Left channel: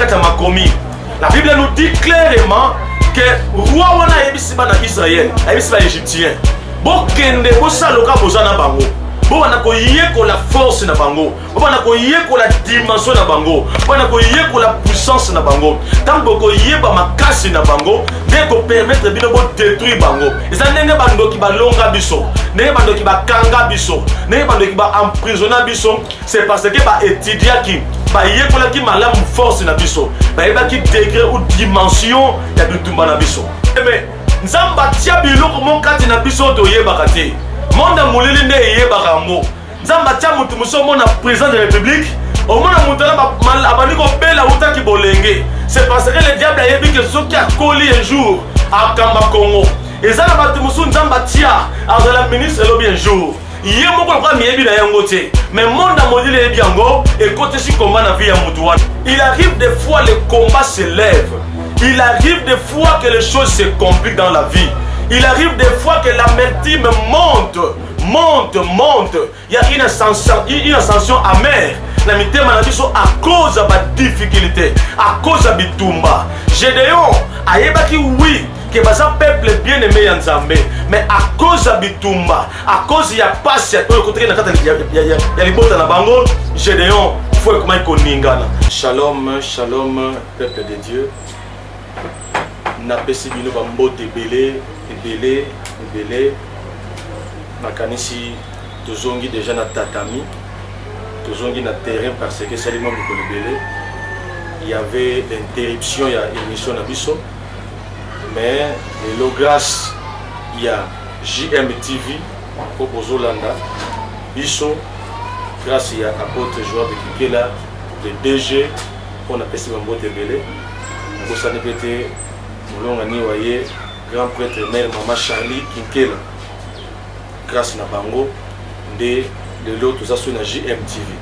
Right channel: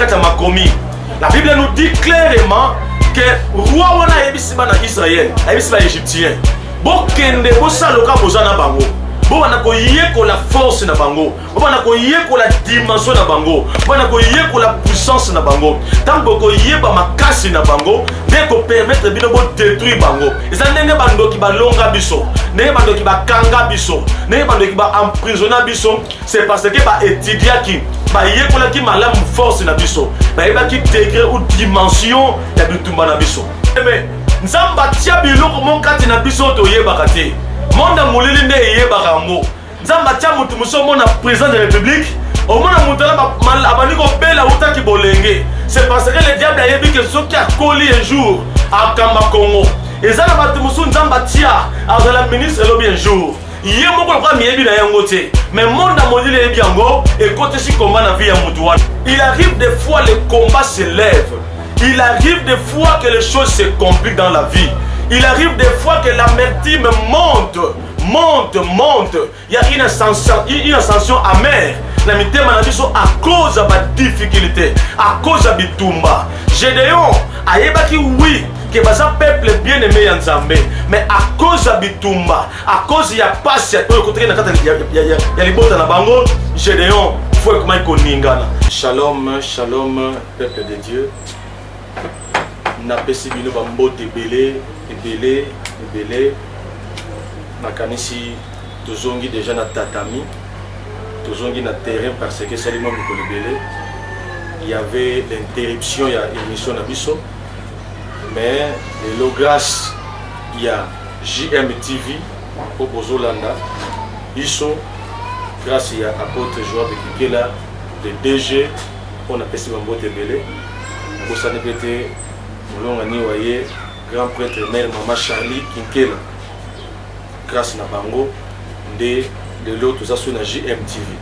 kata makomi. La Bible nous dit clairement que roi wana yebisiba na Israël, yebisiba égyptien. Bokende bosaloka bozana bango. Bwana ko yeko la force na bango. Bwana ko yeko la dimension na bango. Bwana ko yeko la puissance na bango. Tango ko yeba makasi na bango, ndeko permettre bino bo détruire bango. Eza ndenge bando ki balonga biso, ndenge bando ki bakanga biso, ndenge bando ki ba emprisonner biso, c'est parce que ba étudier ki ba yekola ki malamu force na biso. Ba yeba ki degré ou dimension ya bitumba na biso. Mais nzamba tia biloko mon kati na biso to yeba kati. Monde molili nde yebaka ngo. Nzamba tia mutu muso mona président de la République. Au moins mutala mal abani ko bela utaki bolenge. C'est parce que le diable a yebi que soki a collé un jour à Kamba Congo. Et ça na batu muso nzamba tia à la ministre lobi un jour. Yé moko kwa miyebi na yango te. Mais monde molili yebi yango et côté si combat na vie ya mutu wana. Il arrive des fois le combat se lève. Il arrive des fois que les choses se compliquent dans la vie. Il arrive des fois que l'amertume monte. Il y a une ascension amère. La mitema na biso à cause de la difficulté, à cause de bitumba. Gédéon ayebaki oui que baza peuple bien aimé ya Nzambe, mais à cause de bitumba, à cause ya passe ya côté na kata ya libota na bango, Gédéon faut comment ikoningana. Shalom, shalom peuple de Dieu. Na pesi bino ba mbote ebele nakanisi tozongi déjà na tatami, tozongi na terrain parce que salimo mikolo ebele. Il y avait l'interruption ya émission na biso, mais le grâce il y a JMTV au Bozolanda biso grâce il y a apôtre Joab Kikela le DG on a pesi ba mbote ebele ko sanepete Molonga ni waye grand prêtre mère maman Charlie Kinkela grâce na bango de l'autre ça sur na JMTV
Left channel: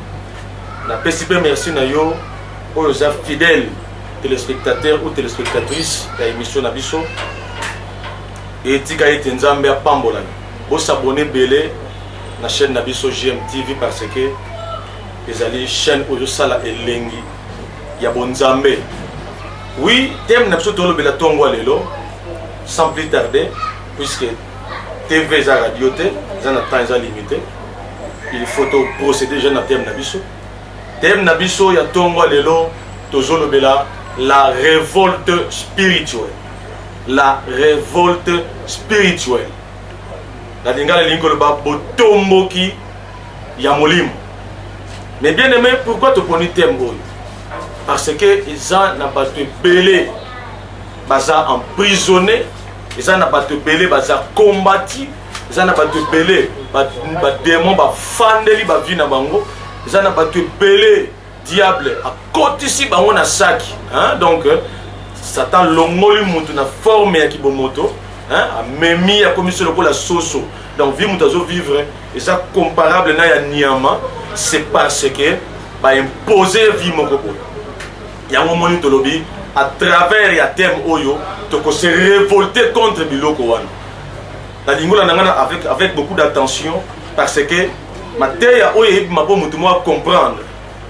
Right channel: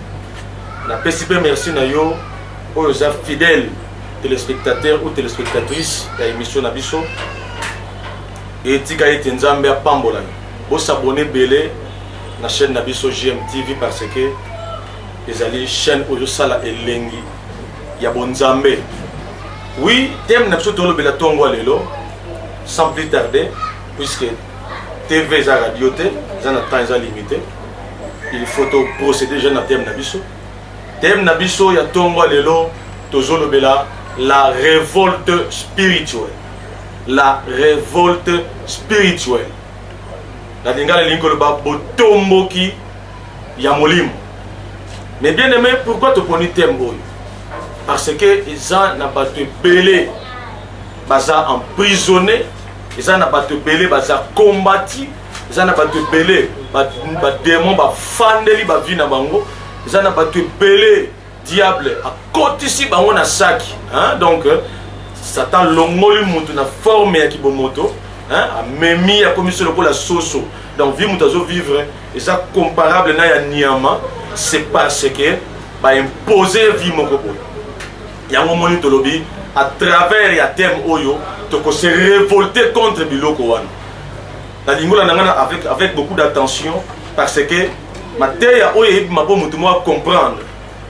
na PCB merci na yo aux fidèles téléspectateurs ou téléspectatrices de l'émission na biso et tika ete Nzambe apambola bo s'abonner belé na chaîne na biso JMTV parce que les alliés chaîne oyo sala elengi ya bonzambe. Oui, thème n'a pas été le tongo lelo, sans plus tarder, puisque TV et radio, ils ont un temps limité. Il faut procéder à thème nabiso. Thème nabiso, il y a tongo lelo, tozo bela, la révolte spirituelle. La révolte spirituelle. La dinga le linko le ba botombo ki yamolim. Mais bien aimé, pourquoi tu prends thème boy? Parce que ils ont pas de belé, ils ont emprisonné, ils ont pas de belé, ils ont combattu, ils ont pas de belé, ils démons, ils fandeli, ils vivent bango, ils ont pas de belé, diable, à côté ici, ils ont un sac. Donc, Satan longoli mutu na forme ya kibomoto, a memi a commis sur la soso. Donc, vivre, et ça comparable na ya Niama, c'est parce que ba imposer vie moko. Yango moni tolobi à travers ya thème oyo toko se révolter contre biloko wana. La lingola nangana avec beaucoup d'attention parce que mateya oyo mabo mutu mo comprendre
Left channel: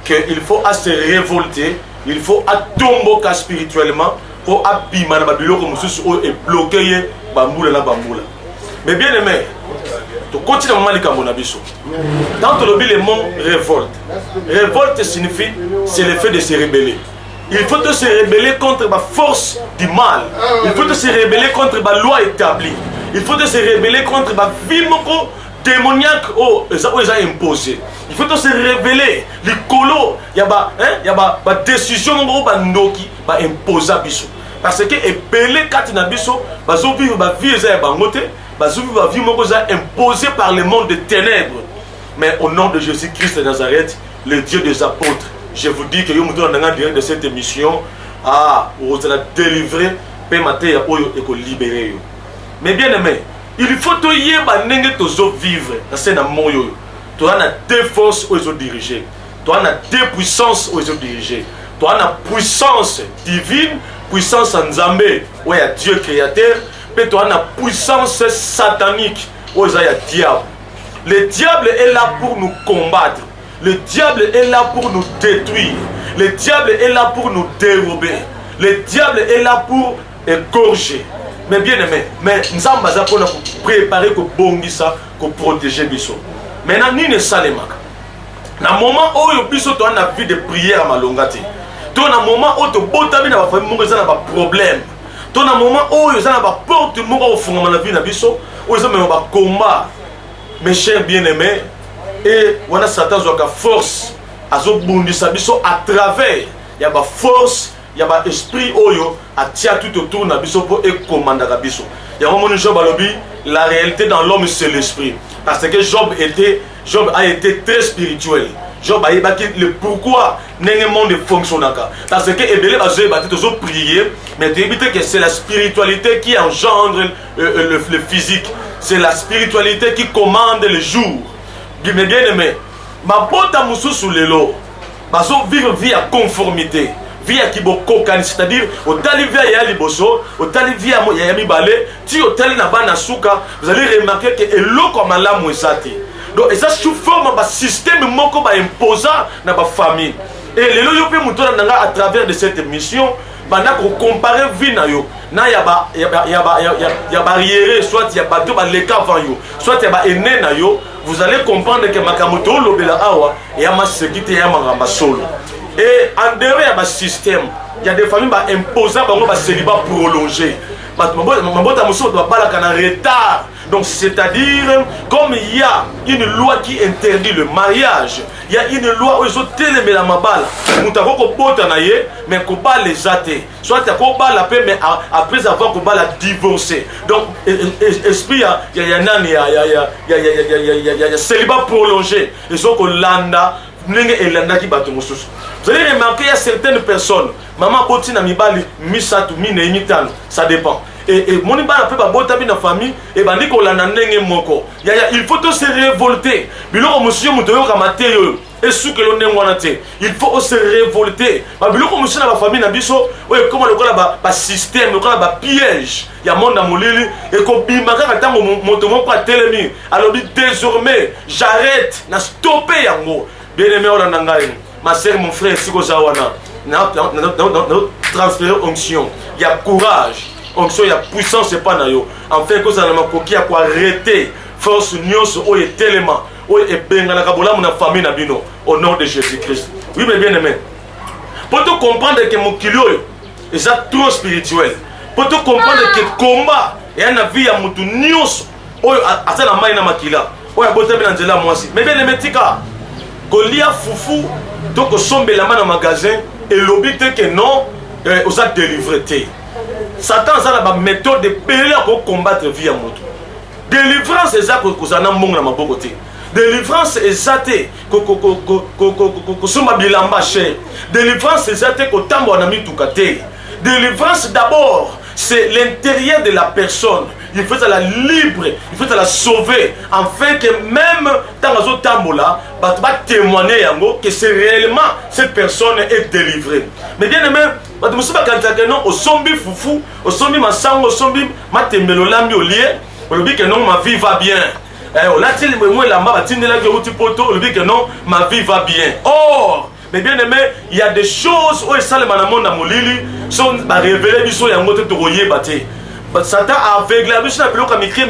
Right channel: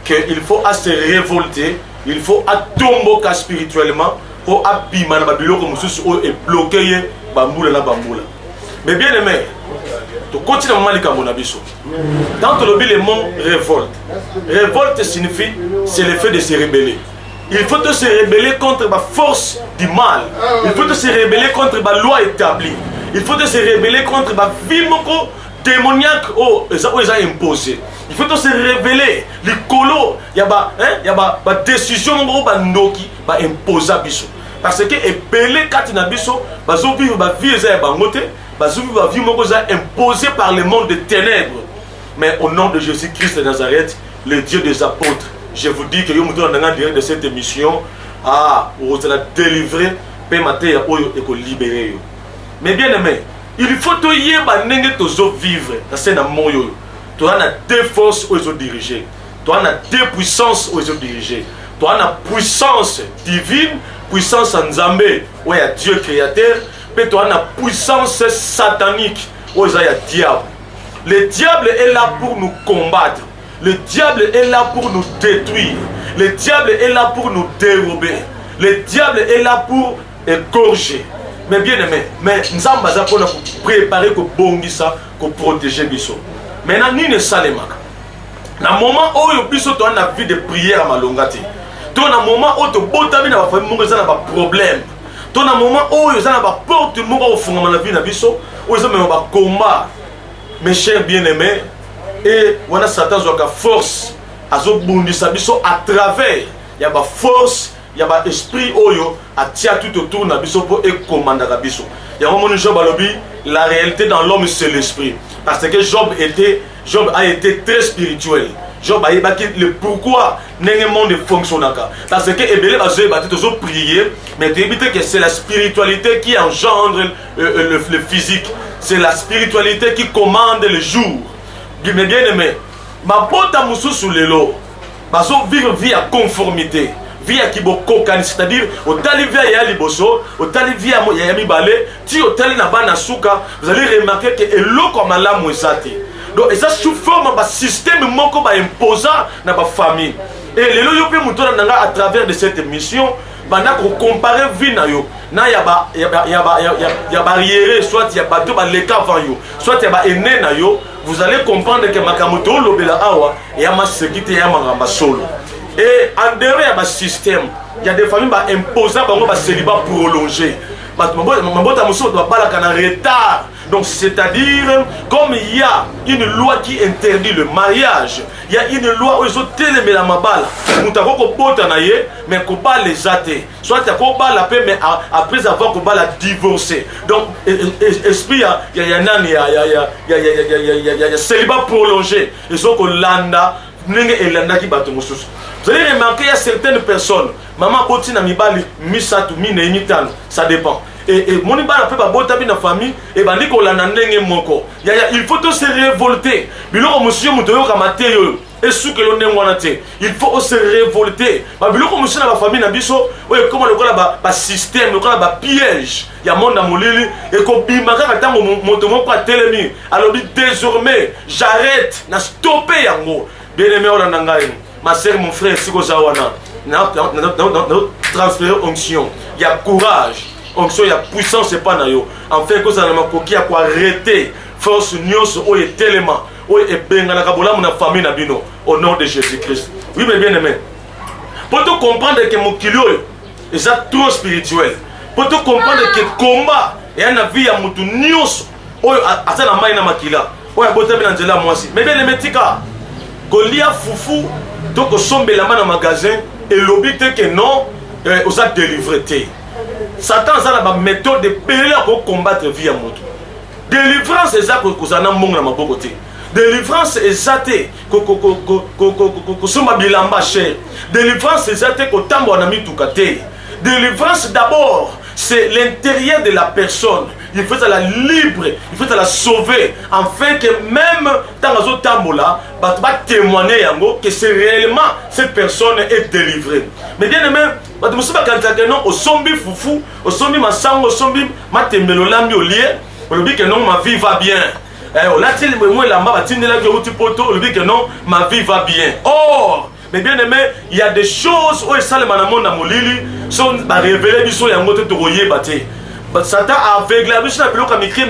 que il faut à se révolter, il faut à tomboka spirituellement pour abima na biloko mususu oyo et bloquer bambula na bambula. Mais bien aimé, tu continues à mal comme on a biso. Dans tolobi le mot révolte. Révolte signifie c'est le fait de se rébeller. Il faut se rebeller contre la force du mal. Il faut se rebeller contre la loi établie. Il faut se rebeller contre la vie démoniaque qu'ils ont imposée. Il faut se rebeller. Les colos, il y a des décisions qui sont imposées. Parce que les belés quand ils biso, ils vivent la vie imposée par le monde des ténèbres. Mais au nom de Jésus-Christ de Nazareth, le Dieu des apôtres, je vous dis que vous avez direct de cette émission, vous allez délivrer, et libérer. Mais bien aimé, il faut que vous vivre dans ce monde. Tu as deux forces où ils ont dirigé. Tu as deux puissances où ils ont dirigé. Tu as la puissance divine, puissance en Nzambe, où il y a Dieu créateur, puis tu as la puissance satanique, où il y a diable. Le diable est là pour nous combattre. Le diable est là pour nous détruire. Le diable est là pour nous dérober. Le diable est là pour égorger. Mais bien aimé, mais nous sommes préparer pour bongisa, pour protéger biso. Maintenant, ni ne salemaka. Na moment où yo biso to na vie de prière à malongati. To na moment où to botami na ba famille mo na ba problème. To na moment où yo na ba porte mo ko funga na vie na biso, où yo na ba combat. Mes chers bien-aimés, et on a Satan qui a force à bondisa biso à travers. Il y a ba force, il y a ba esprit oyo à tia tout autour na biso pour et commander biso. Il y a un moment où Job a lobby, la réalité dans l'homme c'est l'esprit. Parce que Job a été très spirituel. Job a évoqué le pourquoi le monde fonctionne. Parce que Ebele va se prier, mais tu évites que c'est la spiritualité qui engendre le physique. C'est la spiritualité qui commande le jour. Mais bien aimé, ma bota moussou sous le lot, baso vivre vie à conformité. Vie à kibokokani, c'est-à-dire au talivia ya liboso, au talivia ya mibale, ti au tali na bana souka, vous allez remarquer que eloko malamu ezati. Donc ça sous forme de système moko ba imposant na ba famille. Et lelo yo pe muto na nga à travers de cette émission, bana ko comparer vie na yo. Na ya barrière, soit ya bato ba leka avant yo, soit ya ba ene na yo, vous allez comprendre que makamoto lobela awa ya ma sécurité ya mangamba solo. Et en dehors il y a un système, il y a des familles qui imposent un célibat prolongé. Donc c'est-à-dire, comme il y a une loi qui interdit le mariage, il y a une loi où ils ont télémé la mabala. Nous avons mais qu'on pas les athées. Soit tu as la paix, mais après avoir qu'on la divorcer. Donc, esprit, il y a célibat prolongé. Ils ont qu'on landa. Vous allez remarquer, il y a certaines personnes, maman botina mibali, misatu, mine, mitano, ça dépend. Et mon ibala peut pas botabi dans la famille, et ben dit qu'on l'a n'engé moko. Il faut se révolter. Biloko monsieur mutoyo kamateyo, et sous que l'on est wanate. Il faut se révolter. Biloko monsieur dans la famille na biso, ouais comment le gars ba système, le gars ba piège. Il y a monde na molili et ko bimaka katango motomo pas telemi. Alors désormais, j'arrête, na stopper yango. Bien aimé Olanangaï, ma soeur, mon frère, si vous avez transféré onction, il y a courage, onction, il y a puissance, c'est pas naïo. En fait, que ça n'a pas qui a quoi arrêter, force nyos, ou est tellement, ou est bengana kabola, mon famille nabino, au nom de Jésus-Christ. Oui, mais bien aimé. Pour te comprendre que mon kilo est trop spirituel, pour te comprendre que combat, et un vie à mon nyos, ou à ça la main na makila, ou à botter bien angela moi aussi. Mais bien aimé, tika. Golia foufou, donc au sommet la main dans le magasin, et l'objet que non, on a délivré. Satan a la méthode de périr pour combattre la vie à moto. Délivrance, c'est ça que vous avez dans ma côté. Délivrance, c'est ça que vous avez délivrance, c'est ça que vous avez tout côté. Délivrance, d'abord, c'est l'intérieur de la personne. Il faut la libre, il faut la sauver, afin que même dans la zone tambola, va témoigner que c'est réellement cette personne est délivrée. Mais bien aimé, quand non au sombi foufou, au sombi masang, au sombi matemelo lambi au lieu, on dit que non ma vie va bien. On a dit moi là-bas, on dit que non ma vie va bien. Or, mais bien aimé, il y a des choses où ça le manamon na molili sont révélées biso yango te royer baté. Satan a aveuglé la biso na bloka mike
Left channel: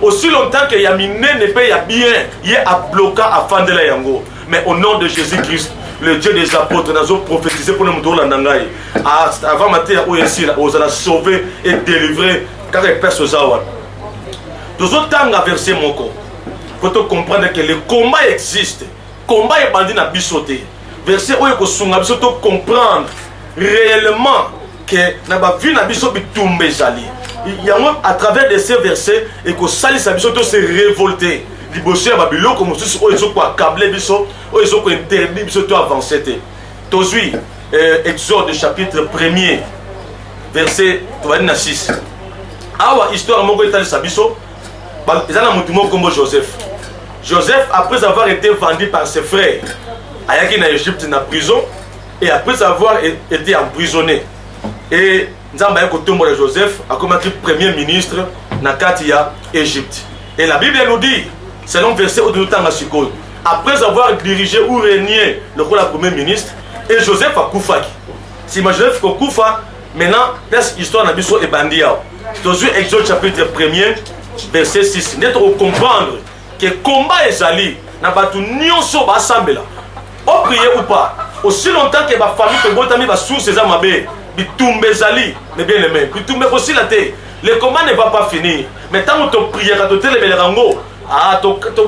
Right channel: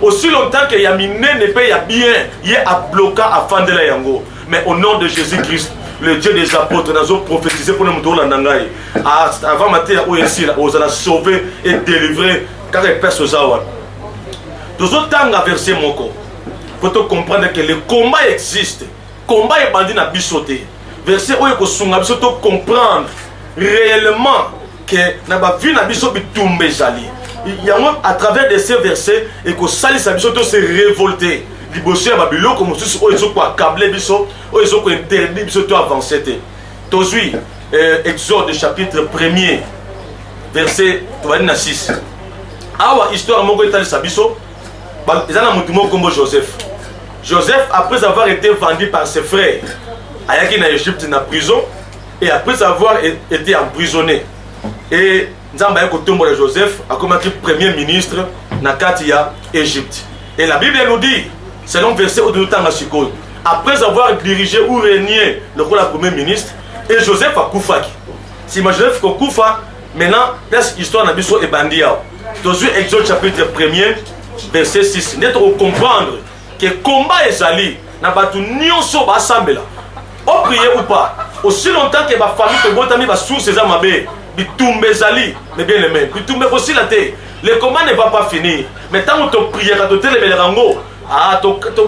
aussi longtemps que yamine ne paye bien, il est à bloquer afin de la yango. Mais au nom de Jésus-Christ, le Dieu des apôtres, nous avons prophétisé pour nous donner la nangai. Avant matin où ici, on a sauvé et délivré car les personnes zawan. Nous avons versé mon corps. Pour te comprendre que le combat existe. Combat est bandit na bisoté. Verset où il faut comprendre réellement que na ba vie na biso bitumbe jali. Il y a à travers de ces versets et que sali sa biso se révolter. Liboso ya babilo comme tous ils ont quoi câbler biso, ils ont quoi interdit biso to avancer té. Tozui Exode chapitre 1er verset 6. Awa histoire moko etali sa biso. Ezana mutu moko kombo Joseph. Joseph après avoir été vendu par ses frères Ayaki na Égypte na prison et après avoir été emprisonné et Nzamba yako tombo de Joseph a comme premier ministre na Katia Égypte. Et la Bible nous dit selon verset au temps à Siko après avoir dirigé ou régné le rôle de premier ministre, et Joseph a Koufaki. Si Joseph a Koufa, maintenant, l'histoire n'a pas été bandit. Dans Exode chapitre 1er, verset 6, nous devons comprendre que le combat est allé, n'a pas tout nyonso basambela. On prie ou pas, aussi longtemps que ma famille te botami va sous ses amabé, bitumbe zali, mais bien aimé, bitumbe aussi la terre. Le combat ne va pas finir. Mais tant que tu pries, tu te lèves le rango,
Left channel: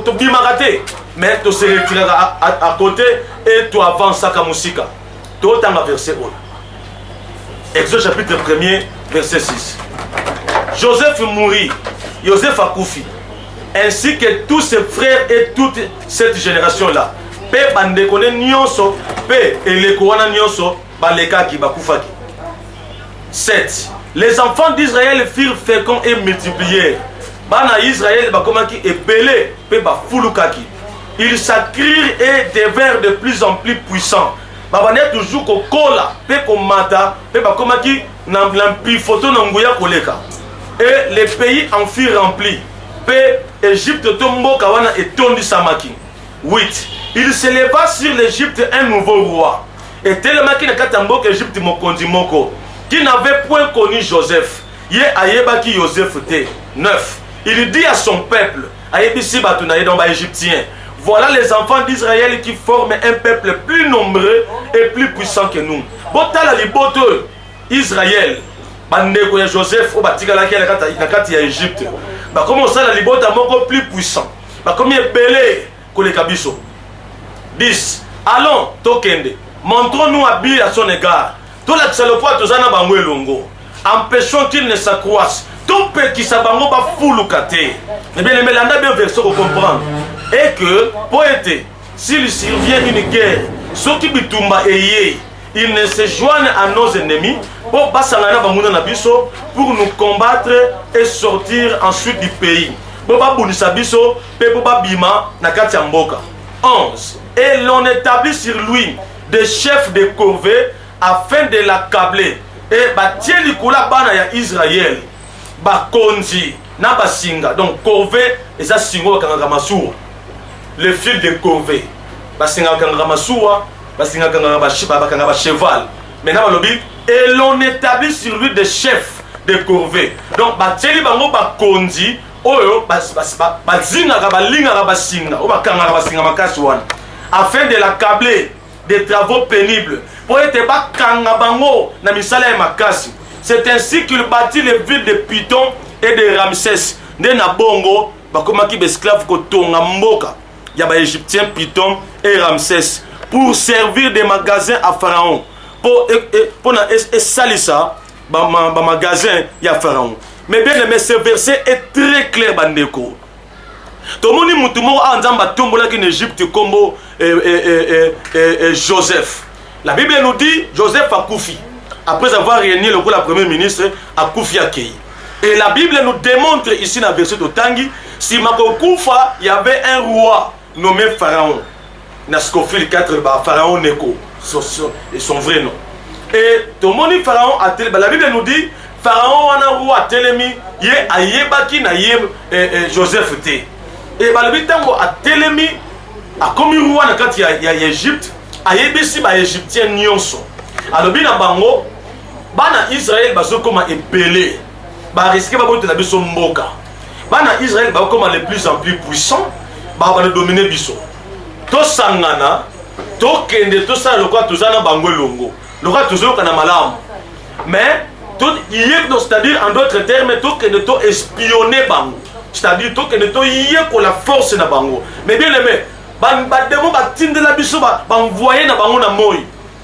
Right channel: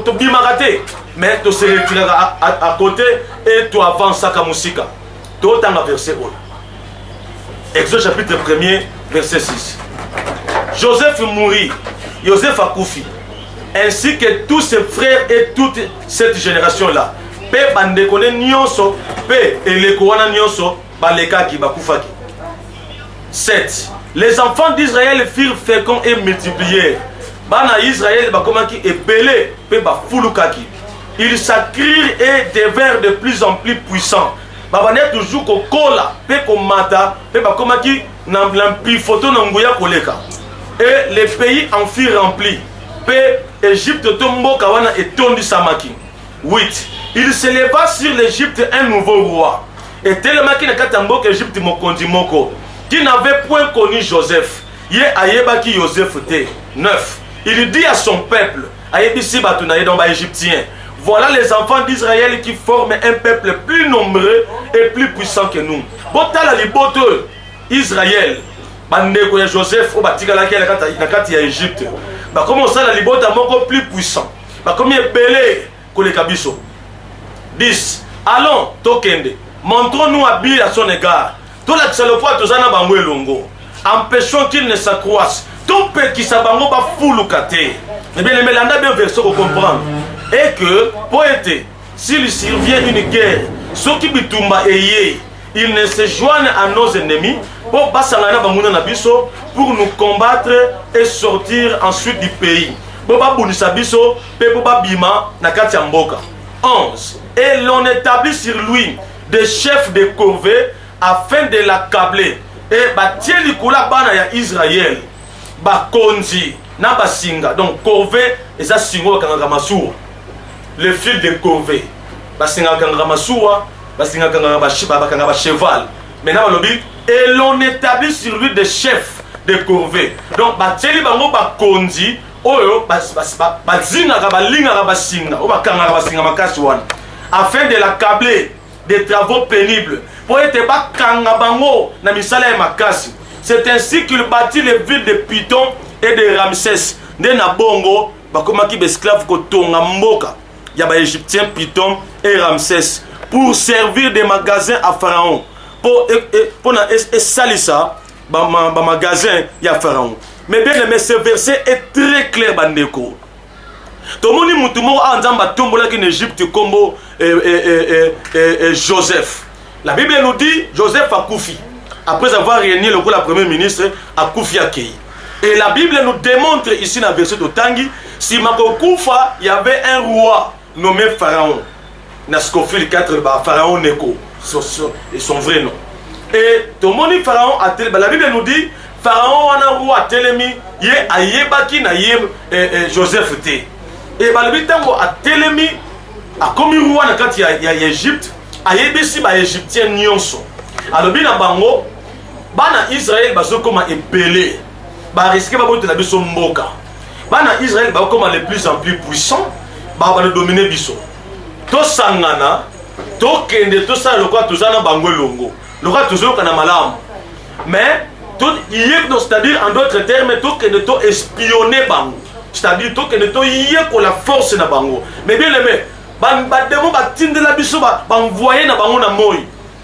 tu bimaraté, mais tu se retires à côté et tu avances à Kamusika. Tu as verset 1. Exode chapitre 1er, verset 6. Joseph mourit, Joseph a Koufi, ainsi que tous ses frères et toute cette génération-là. Pe bandekone nyonso, pe elekowana nyonso, balekaki bakufaki. 7. Les enfants d'Israël furent féconds et multiplièrent. Bana Israël bakomaki et belé, pe bafulukaki. Ils s'accrirent et devinrent de plus en plus puissants. Babane toujours ko kola, pe ko mata, pe bakomaki n'ampi photo n'anguya koleka. Et les pays en furent remplis. Pe Égypte tombo kawana et tondi samaki. 8. Il se leva sur l'Égypte un nouveau roi. Et tellement qu'il n'a qu'à tambo qu'Égypte mokondi moko, qui n'avait point connu Joseph. Yé ayeba ki Joseph te. 9. Il dit à son peuple, ayebisi batunaye dans ba égyptien, voilà les enfants d'Israël qui forment un peuple plus nombreux et plus puissant que nous. Botala liboto Israël. Bandeko ya Joseph au batika la kati ya Égypte. Ba comment ça la libota moko plus puissant. Ba comme belé ko le kabiso. 10. Allons, Tokende, montrons-nous habile à son égard. Tout l'accéléré, tout ça n'a pas longo. Empêchons qu'il ne s'accroisse. Tout peut qui s'abango ba foulukate. Eh bien, les mélanda bien verset pour comprendre. Et que, pour être, s'il survient une guerre, ceux qui bitumba eye, ils ne se joignent à nos ennemis pour basangana bamuna nabiso pour nous combattre et sortir ensuite du pays. Pour ba bunisa biso, pour ba bima nakati mboka. 11. Et l'on établit sur lui des chefs de corvée afin de l'accabler. Et batie likula bana ya Israël. Ba konzi na basinga. Donc corvée et ça singo kanga masou. Le fil de corvée. Basinga kanga masou, basinga kanga ba cheval. Maintenant balobi et l'on établit sur lui des chefs de corvée. Donc batie li bango ba konzi oyo bazinga ka balinga ka basinga, o bakanga ka basinga makasi wana. Afin de l'accabler des travaux pénibles. Pour être bakanga bango na misala ya makasi. C'est ainsi qu'il bâtit les villes de Python et de Ramsès. Nde na bongo bakomaki besclave ko tonga mboka ya ba égyptien Python et Ramsès pour servir des magasins à Pharaon. Pour na salisa ba magasin ya Pharaon. Mais bien aimé, ce verset est très clair bandeko. Tomoni mutumo anzamba tombola en Égypte comme Joseph. La Bible nous dit Joseph a Koufi. Après avoir régné le rôle de premier ministre, a Koufi Akei. Et la Bible nous démontre ici dans le verset de Tangi, si Mako Koufa, il y avait un roi nommé Pharaon. Naskofil 4, Pharaon Neko, son vrai nom. Et Tomoni Pharaon a tel, la Bible nous dit Pharaon a un roi Telemi, il est à Yebaki na Joseph T. Et le tango a Telemi, a comme roi quand il y a Égypte, a Yebisi ba Égyptien nyonso. Alors bien bango, bana Israël bazo comme ébélé, ba risquer ba bote na biso mboka. Bana Israël ba comme les plus en plus puissants, ba dominer biso. To sangana, to kende to sa lokwa to zana bango longo. Lokwa to zo kana malamu. Mais c'est-à-dire en d'autres termes, tout que nous avons espionné bango. C'est-à-dire tout que nous avons la force na bango. Mais bien aimé, bademo batinde la biso ba envoyer na bango na moi.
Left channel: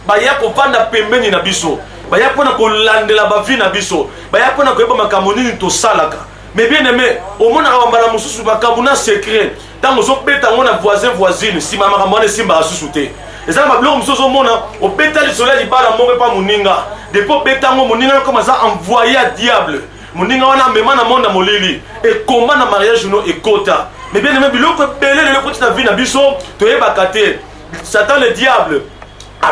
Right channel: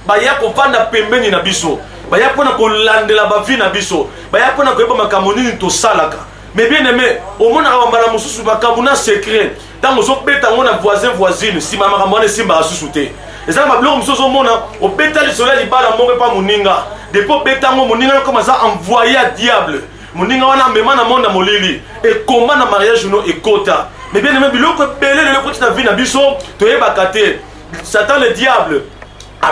Ba ya ko vanda pembeni na biso. Ba ya pona ko landela ba vie na biso. Ba ya pona ko yeba makamoni ni to salaka. Mais bien aimé, au mona ka bambala mususu makamuna secret. Tant ozo beta ngona voisine, si mama kamone simba asusute. Ezala mabloko mususu mona, o beta li soleil libala monge pa muninga. Depuis Betango, Moninga commence à envoyer à diable. Moninga wana mema na monde molili. Et comment na mariage no et kota. Mais bien aimé, biloko belé le côté na vie na biso, to yeba kate. Satan le diable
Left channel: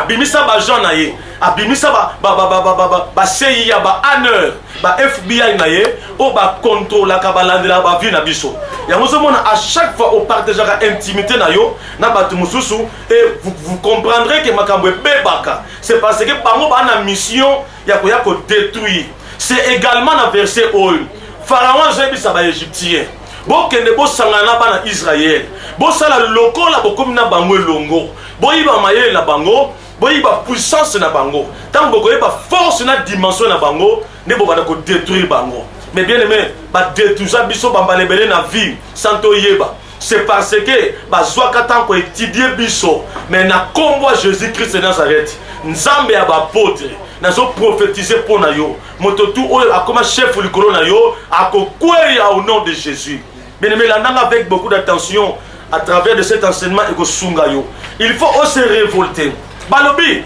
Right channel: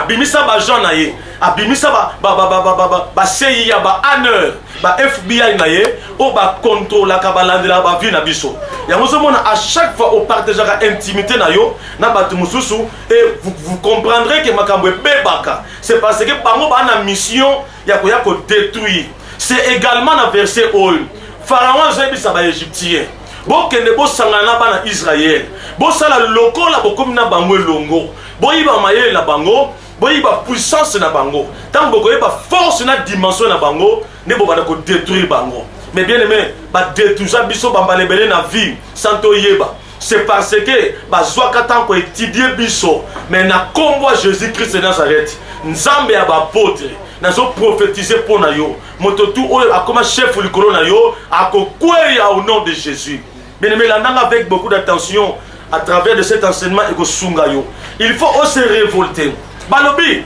abimisa ba Jean na ye, abimisa ba CIA ba ANR, ba FBI na ye, o ba contrôle la kabalandela ba vie na biso. Ya mozomona à chaque fois au partageaka intimité na yo na batu mususu et vous comprendrez que makambo bebaka. C'est parce que bango ba na mission ya ko détruire. C'est également dans verset 1. Pharaon zebisa ba égyptien. Bokende bo sangana ba na Israël. Bo sala lokola bokomi na bango longo. Boyiba mayele na bango, boyiba puissance na bango. Tant bokoyeba force na dimension na bango, ne bo bana ko détruire bango. Mais bien aimé, ba détruire biso bambalebele na vie sans to yeba. C'est parce que bazwaka tant ko étudier biso, mais na kombo Jésus-Christ de Nazareth. Nzambe ya ba apôtre, nazo prophétiser pour na yo. Mototu oyo akoma chef likolo na yo, akokweya au nom de Jésus. Bien aimé, là avec beaucoup d'attention à travers de cet enseignement et que sunga yo. Il faut aussi révolter. Balobi,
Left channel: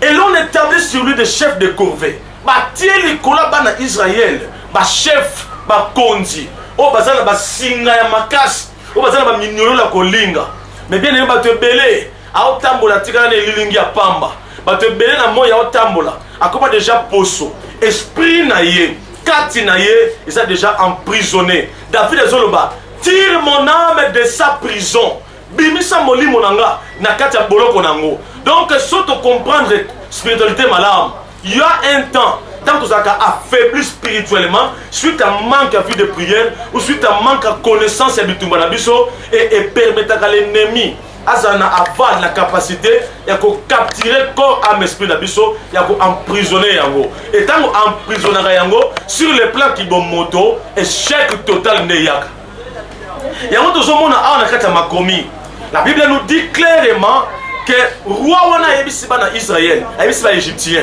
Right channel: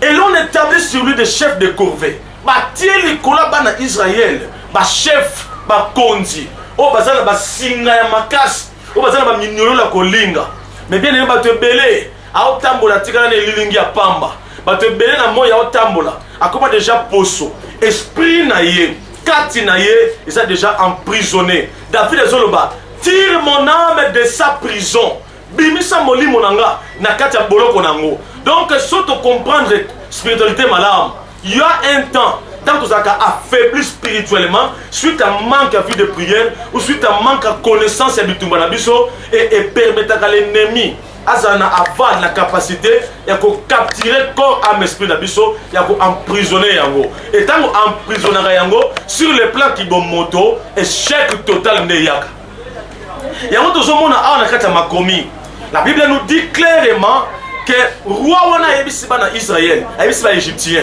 et l'on établit sur lui des chefs de corvée. Ba tie likola bana Israël, ba chef, ba kondi. O bazala ba singa ya makasi, o bazala ba minyolo la kolinga. Mais bien aimé, ba te belé, a otambola tika na lilingi ya pamba. Ba te belé na moya otambola, akoma déjà poso. Esprit na ye, kati na ye, ils sont déjà emprisonnés. David Zoloba, tire mon âme de sa prison. Bimisa moli monanga na kati ya boloko nango. Donc surtout comprendre spiritualité malade. Il y a un temps, tant que ça a affaibli spirituellement, suite à manque à vie de prière ou suite à manque à connaissance du Tumbanabiso et permettre à l'ennemi azana avoir la capacité de capturer corps âme esprit d'abisso et emprisonner yango. Et tant emprisonner yango sur le plan qui bon moto échec total neyaka. Yango tozomona awa na kati ya makomi. La Bible nous dit clairement que roi wana yebisi bana Israël, yebisi ba égyptien.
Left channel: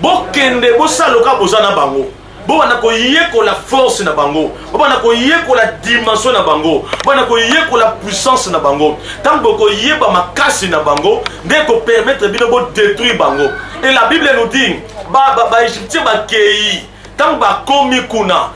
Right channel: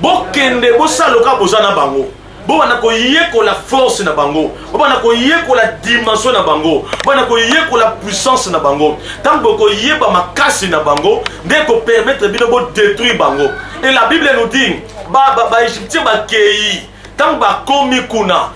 Bokende bosaloka bozana bango. Bo wana ko yeko la force na bango. Bo wana ko yeko la dimension na bango. Bo wana ko yeko la puissance na bango. Tant ko yeba makasi na bango, ndeko permettre bino bo détruire bango. Et la Bible nous dit ba égyptien ba kei. Tant ba komi kuna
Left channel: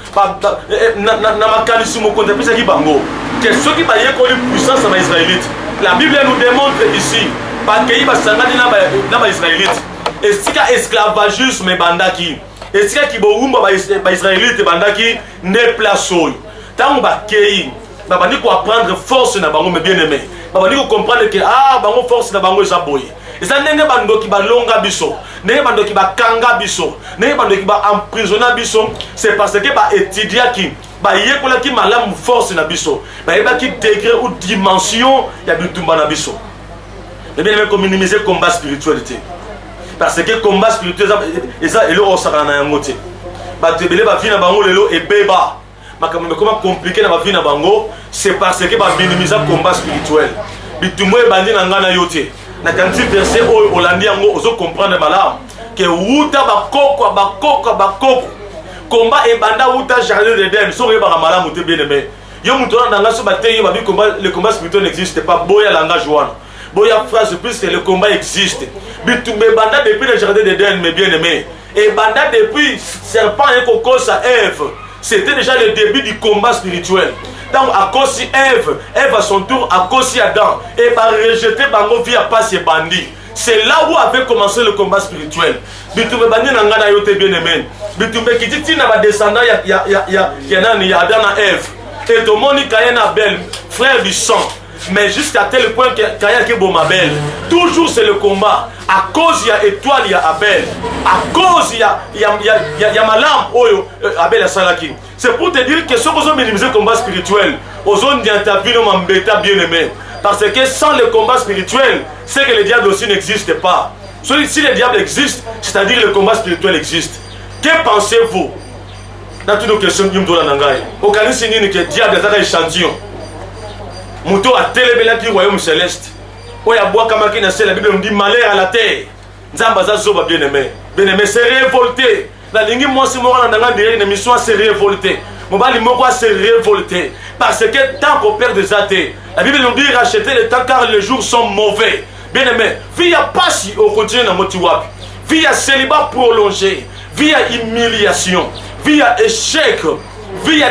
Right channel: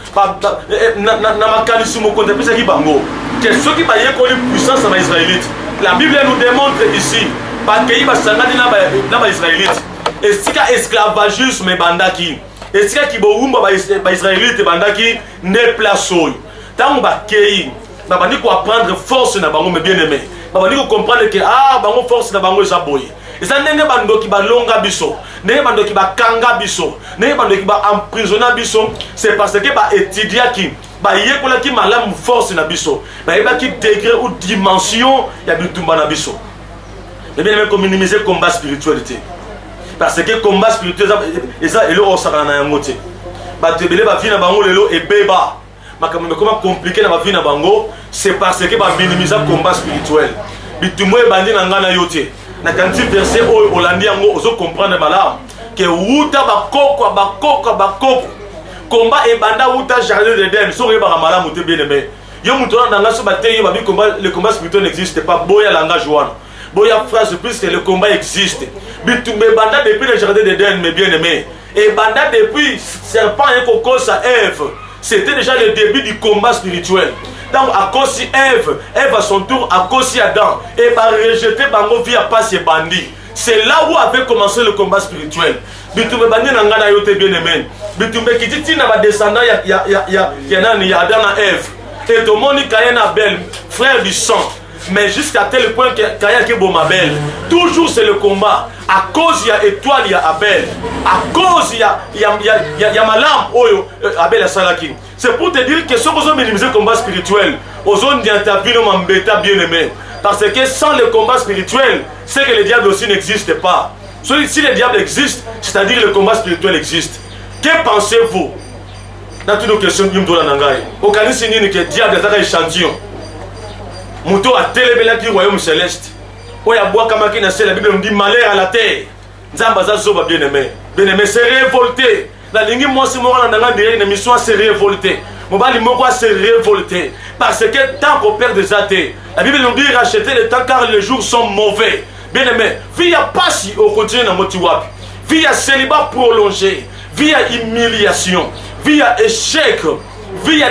na makanisi mo konta pesa ki bango. Que ceux qui ba yeko la puissance na Israélite. La Bible nous démontre ici ba kei ba sangani na ba Israélite. Et si ka esclavagisme bandaki. Et si ki boumba ba Israélite bandaki ne place oyo. Tant ba kei ba bandi ko apprendre force na bango mais bien aimé. Ba bandi ko comprendre que bango force na bango eza boye. Eza ndenge bando ki ba longa biso, ndenge bando ki ba kanga biso, ndenge bando ki ba emprisonner biso, c'est parce que ba étudier ki ba yekola ki malamu force na biso. Ba yeba ki degré ou dimension ya bitumba na biso. Mais bien aimé ko minimiser combat spiritualité. Parce que combat spirituel eza elo osaka na yango te. Ba tebele ba vie na bango lelo e beba. Makambo comment compliqué na ba vie na bango, c'est parce que ba minimiser combat spirituel. Bitumwe bandi na ngana yote. Na kanti verset o olandi yango ozo comprendre malamu que wuta bakoko combat e banda wuta jardin d'Éden so reba malamu te bien aimé. Yo muto na nga so bateyi ba bi combat, le combat spirituel n'existe pas. Boya langage wana. Boya phrase puisque le combat existe. Bitumbe banda depuis le jardin d'Éden mes bien aimés. Et banda depuis serpent et cocos à Ève. C'était déjà le début du combat spirituel. Donc à cause de Ève à son tour à cause d'Adam et va rejeter bango via passe et bandit. C'est là où avait commencé le combat spirituel. Bitumbe bandi na ngana yote bien aimé. Bitumbe kititi na ba descendant ya nani ya Adam et Ève. Et tout le monde Caïn Abel, frère du sang. Mais jusqu'à tel point que Caïn qui bon Abel. Toujours c'est le combat. À cause il y a étoile, il y a Abel. À cause il y a malam oyo Abel a salaki. C'est pour te dire que si vous avez minimisé le combat spirituel, aux zones d'interview m'embêta bien aimé. Parce que sans le combat spirituel, c'est que le diable aussi n'existe pas. Si le diable existe, c'est-à-dire que le combat spirituel existe. Que pensez-vous dans toutes nos questions qui me donnent en anglais? Au cas où c'est que le diable est un échantillon. Mouto a télébélé qui royaume céleste. Où il y a bois comme la Bible nous dit malheur à la terre. Nzambaza zoba bien aimé. Bien aimé, c'est révolté. La ligne moi c'est moi dans la dernière émission c'est révolté. Mon bali moi c'est révolté parce que tant qu'on perd des athées, la Bible nous dit racheter le temps car les jours sont mauvais. Bien aimé, via passi au quotidien dans motiwap, via célibat prolongé, via humiliation, via échec, via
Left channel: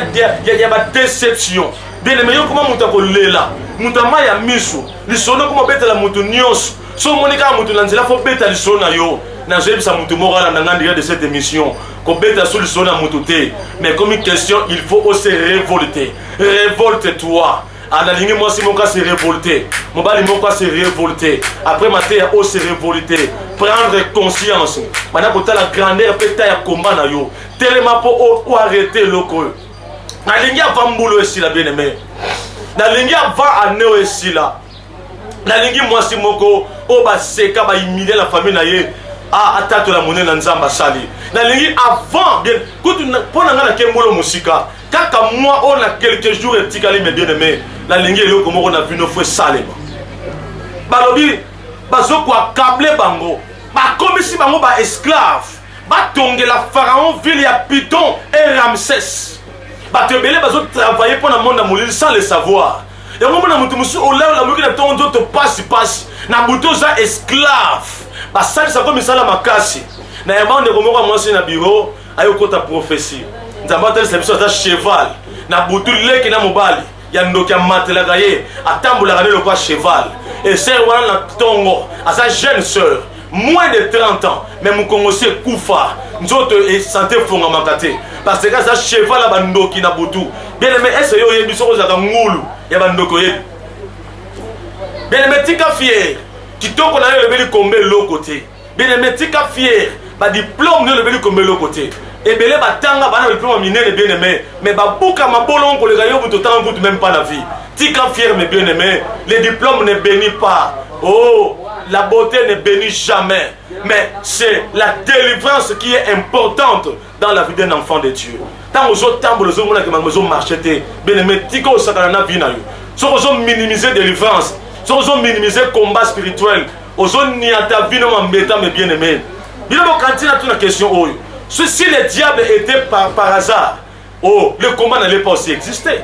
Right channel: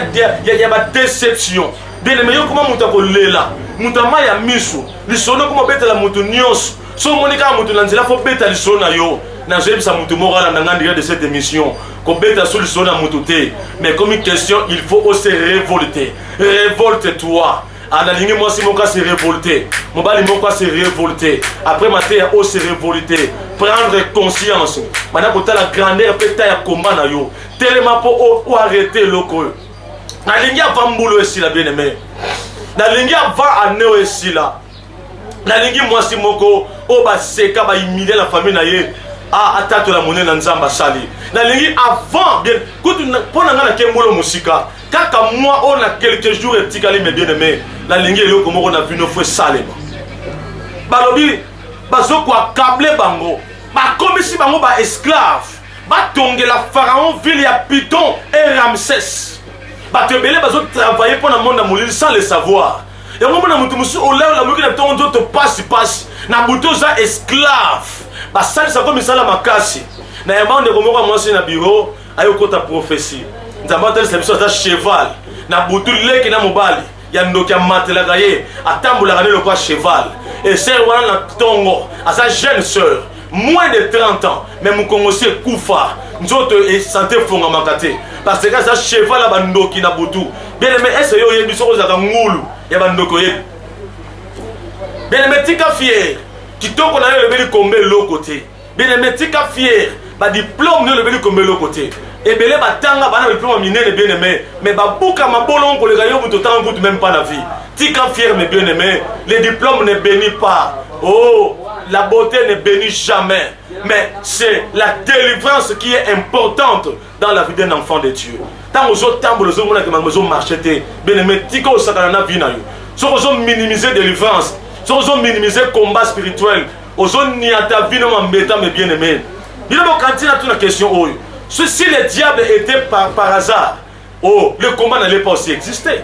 déception. Bien aimé, comment mutako lela, mutama ya misu, lisono comment bête la mutu nyos. So monika mutu nanzela faut beta lisolo na yo. Na jebi sa mutu moral na ngandi de cette émission. Ko beta sur lisolo na mutu te. Mais comme une question, il faut aussi révolter. Révolte-toi. Analingi moi si mon cas s'est révolté. Mon bali mon cas s'est révolté. Après ma terre aussi révolté. Prendre conscience. Maintenant pour la grandeur peut-être ya combat na yo. Tellement pour ou arrêter loko. Nalingi avant boulot ici la bien-aimé. Nalingi avant année ici là. Nalingi moi si moko o ba seka ba humilier la famille na ye. Ah atato la monnaie na nzamba sali. Nalingi avant bien kutu pona ngana kembolo musika. Kaka moi on a quelques jours et petit calme bien-aimé. La ligne est comme on a vu nos frères Salema. Balobi, bazo quoi câblé bango. Ba comme si bango ba esclave. Ba tongue la pharaon ville ya Python et Ramsès. Ba te belé bazo travailler pour le monde à mourir sans le savoir. Et moi na mutu musu o la muki na ton d'autres passe na buto za esclave. Ba sali ça comme ça la makasi. Na yamba on ko moi c'est na bureau ayo kota prophétie. Nzamba tel c'est ça cheval. Na butu leki na mobali. Ya ndoki amatela ye atambola le quoi cheval et sœur wana na tongo à sa jeune sœur moins de 30 ans mais mon kongosi kufa nzoto et santé fonga makate parce que ça cheval ba ndoki na butu bien aimé est-ce yo yebi soko za ngulu ya ba ndoko ye bien aimé tika fier kitoko na le beli kombe l'autre côté bien aimé tika fier ba diplôme le beli kombe l'autre côté. Et belé batanga bana diplôme minene bien aimé mais babuka mabolon ko le gayo buto tant goût même pas la vie tika fier mais bien aimé les diplômes ne bénissent pas oh la beauté ne bénit jamais mais c'est la délivrance qui est importante dans la vie d'un enfant de Dieu tant aux autres temps les hommes qui maison marcheté bien aimé tika osakana na vie na yo so aux minimiser délivrance so aux minimiser combat spirituel aux autres ni à ta vie no mbeta mais bien aimé il a quand il a une question oh si le diable était par hasard, oh, le combat n'allait pas aussi exister.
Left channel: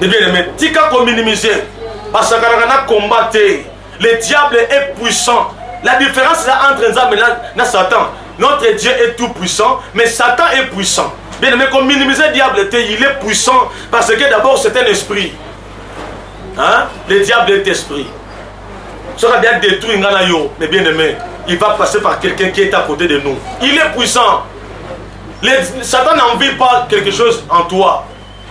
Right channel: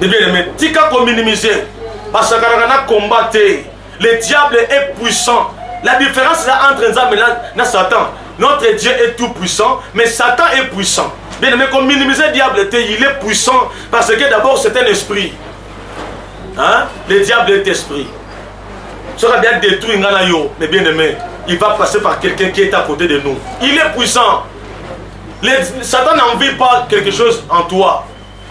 Mais bien aimé, tika ko minimiser, parce que quand on combat, le diable est puissant. La différence là entre Nzambe et Satan, notre Dieu est tout puissant, mais Satan est puissant. Bien aimé, qu'on minimiser le diable, il est puissant parce que d'abord c'est un esprit. Hein? Le diable est esprit. Ça va bien détruire Nganayo, mais bien aimé. Il va passer par quelqu'un qui est à côté de nous. Il est puissant. Satan n'envie pas quelque chose en toi.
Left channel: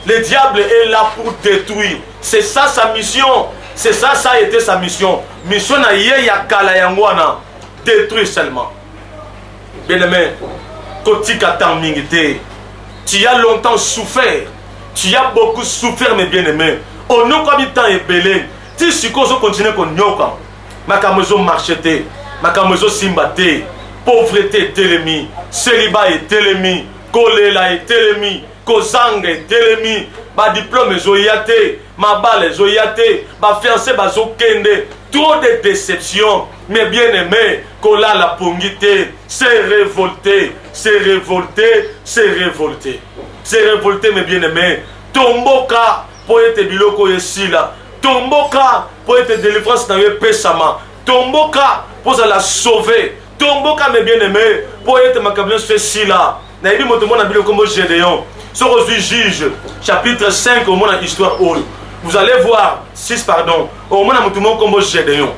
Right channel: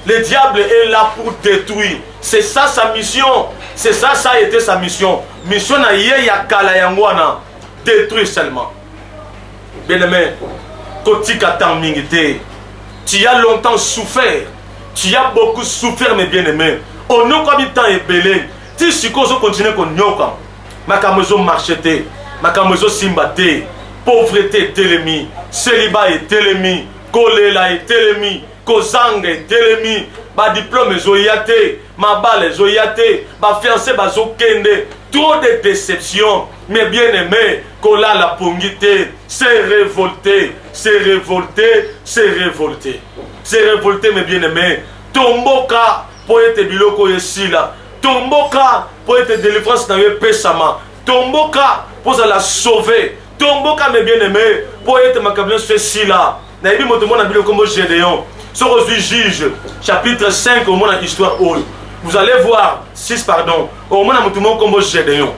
Le diable est là pour détruire. C'est ça sa mission. C'est ça, ça a été sa mission. Mission na ye ya kala yangwana. Détruire seulement. Bien aimé, kotika tamingite. Tu as longtemps souffert. Tu as beaucoup souffert, mes bien aimés. On n'a pas mis temps et belé. Tu supposes continuer qu'on nyoka. Ma kamezo marchete. Makamozo simbate, pauvreté telemi, célibat est telemi, kolela est telemi, kozang est telemi, ba diplôme zoyate, ma balle zoyate, ba fiancé bazo kende, trop de déceptions, mais bien aimé, kola la pongite, c'est révolté, c'est révolté, c'est révolté, c'est révolté, mais bien aimé, tomboka pour être biloko yesila, tomboka pour être délivrance dans le pesama, tomboka pour la sauver. Tomboka mes bien-aimés pour être ma cabinet fait si là. Naïbi motomona bilo comme Gédéon. Sur aujourd'hui juge chapitre 5 au moins dans l'histoire vous allez voir 6 pardon au moins dans motomona comme Gédéon.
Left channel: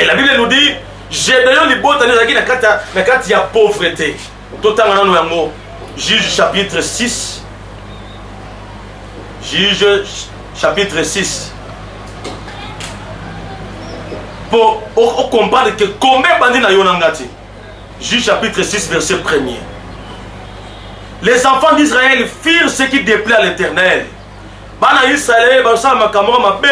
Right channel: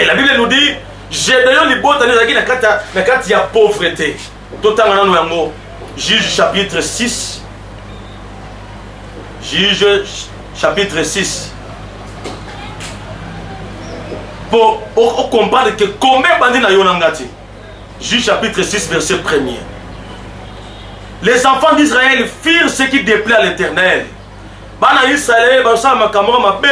Et la Bible nous dit Gédéon li botane zaki na kati ya pauvreté. Totanga nanu yango. Juge chapitre 6. Juge chapitre 6. Pour comprendre que combien bandit na yonangati. Juge chapitre 6 verset 1er. Les enfants d'Israël firent ce qui déplaît à l'Éternel. Bana Israël bansa makamora mabe.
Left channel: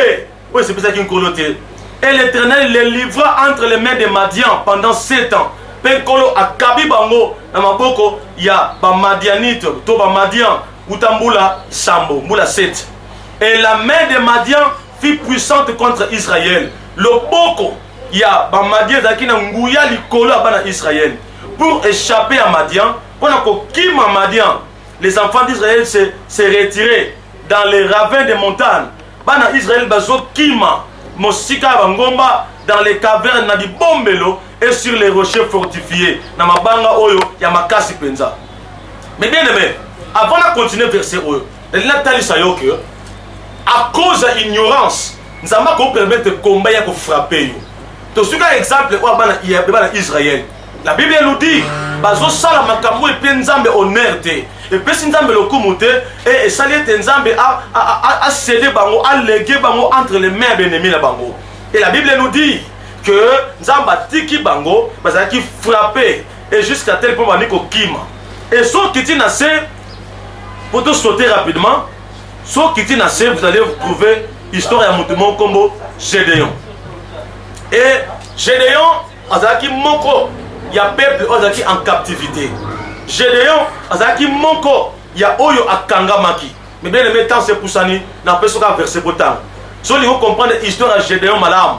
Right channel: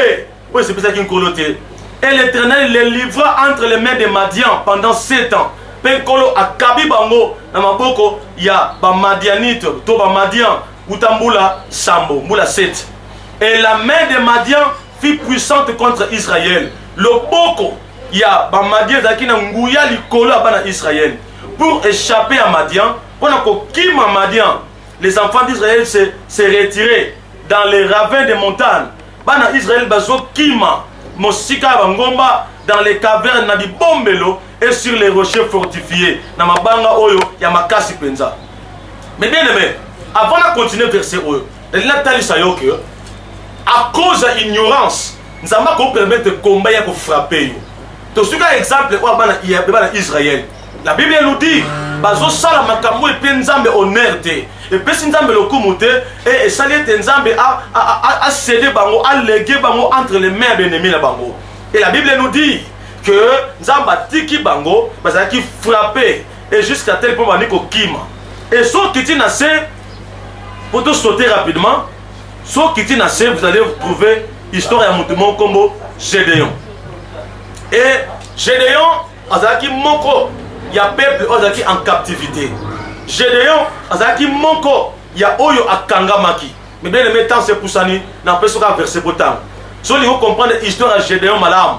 Oui, c'est pour ça qu'il coloté. Et l'Éternel les livra entre les mains des Madian pendant 7 ans. Penkolo akabi bango na maboko ya ba Madianite to ba Madian utambula sambo mbula 7. Et la main des Madian fut puissante contre Israël. Le boko ya ba Madian zakina nguya likolo bana Israël pour échapper à Madian pendant que kima Madian les enfants d'Israël se retiraient dans les ravins des montagnes bana Israël bazo kima mosika bangomba dans les cavernes na di bombelo et sur les rochers fortifiés na mabanga oyo ya makasi penza. Mais bien aimé, avant de continuer verset oyo, la tali sayoke à cause de l'ignorance nzamba ko permettre combat ya ko frapper yo. To suka exemple o bana Israël. La Bible nous dit bazo sala makambo et puis nzambe honneur te. Et puis si nzambe lokumu te et sali te nzambe a cédé bango, a légué bango entre les mains d'ennemis na bango. Et la Bible nous dit que nzamba tiki bango bazala ki frapper et jusqu'à tel point bani ko kima. Et so kiti na se pour te sauter rapidement, so kiti na se vous allez trouver histoire ya mutumo kombo Gédéon. Et Gédéon azaki moko ya peuple azaki en captivité. Gédéon azaki moko ya oyo akangamaki. Mais bien aimé temps c'est pour ça ni na pesoka verset potam. So li vous comprendre l'histoire de Gédéon malam.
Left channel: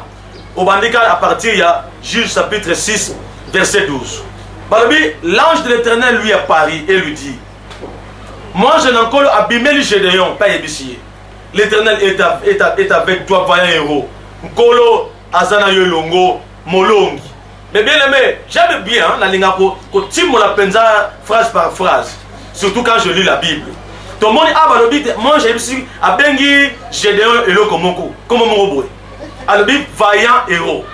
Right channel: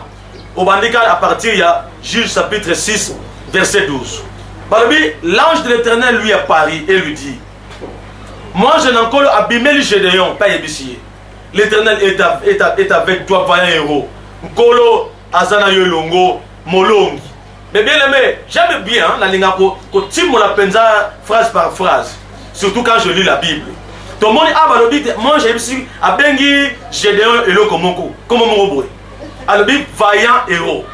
Au bandika à partir ya Juge chapitre 6 verset 12. Balobi l'ange de l'Éternel lui apparut et lui dit: moi je n'en encore abimeli Gédéon pas yebisiye. L'Éternel est avec toi, vaillant héros. Nkolo azana yolongo molongi. Mais bien aimé, j'aime bien la lingapo ko timo la penza phrase par phrase. Surtout quand je lis la Bible. Tout le monde abalobi moi j'ai ici abengi Gédéon eloko moko comme mon boy. Alobi vaillant héros.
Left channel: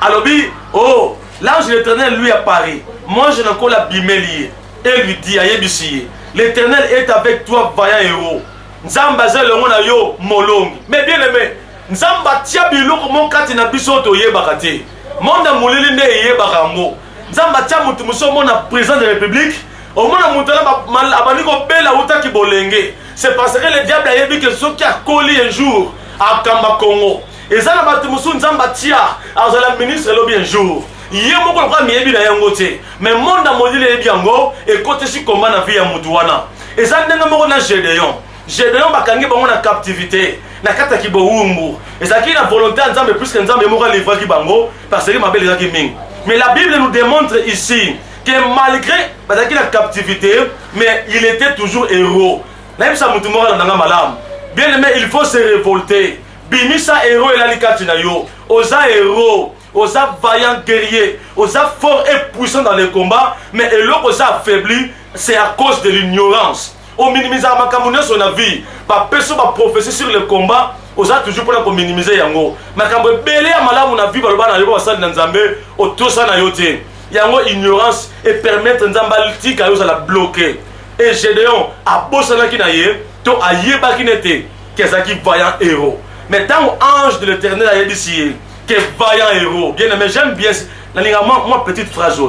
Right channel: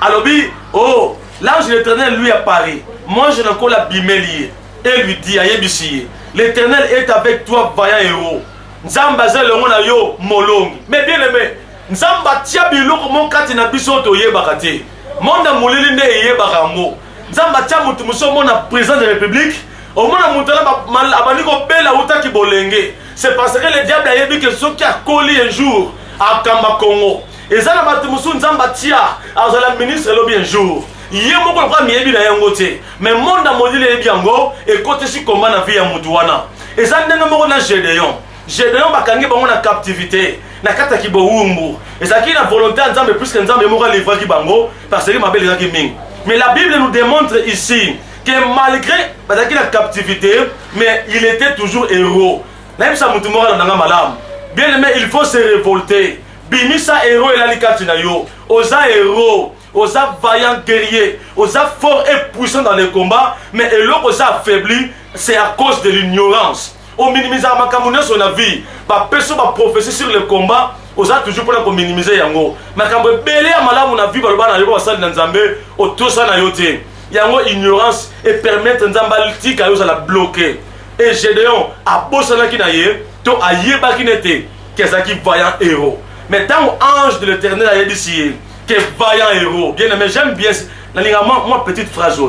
Alobi oh l'ange de l'Éternel lui apparaît. Moi je n'en encore abimeli et lui dit ayebisiye. L'Éternel est avec toi, vaillant héros. Nzamba zelongo na yo molongi. Mais bien aimé, nzamba tia biloko mon kati na biso to yebaka te. Monda molili nde yebaka ngo. Nzamba tia mutu muso mona président de la République, au mona mutu la abani ko bela utaki bolenge. C'est parce que le diable a yebi que ceux qui a collé un jour à Kamba Congo. Et ça na batu muso nzamba tia azala ministre lobi un jour. Yé moko kwa miyebi na yango te. Mais monda molili yebi yango et côté si combat na vie ya mutu wana. Et ça ndenga moko na Gédéon. Gédéon bakangi bango na captivité na kata ki boumbu et ça qui na volonté nzambe plus que nzambe moko livrer ki bango parce que ma belle zaki ming. Mais la Bible nous démontre ici que malgré bazaki na captivité mais il était toujours héros. Na bisa mutu moko na malam. Bien aimé, il faut se révolter. Bimisa héros et la likati na yo. Osa héros, osa vaillant guerrier, osa fort et puissant dans les combats, mais eloko osa affaibli, c'est à cause de l'ignorance. On minimise ma camoufler son avis. Pas personne va prophétie sur le combat. On a toujours pour minimiser yango. Ma camoufler belé à malamu na vie balba na yo basal na nzambe o to sa na yote. Yango ignorance et permettre nzamba tika yo la bloquer. Et Gédéon a bossé na kinaye to ayeba kinete kezaki vaillant héros. Mais tant ange de l'Éternel a dit que vaillant héros. Bien aimé, j'aime bien la moi petite phrase.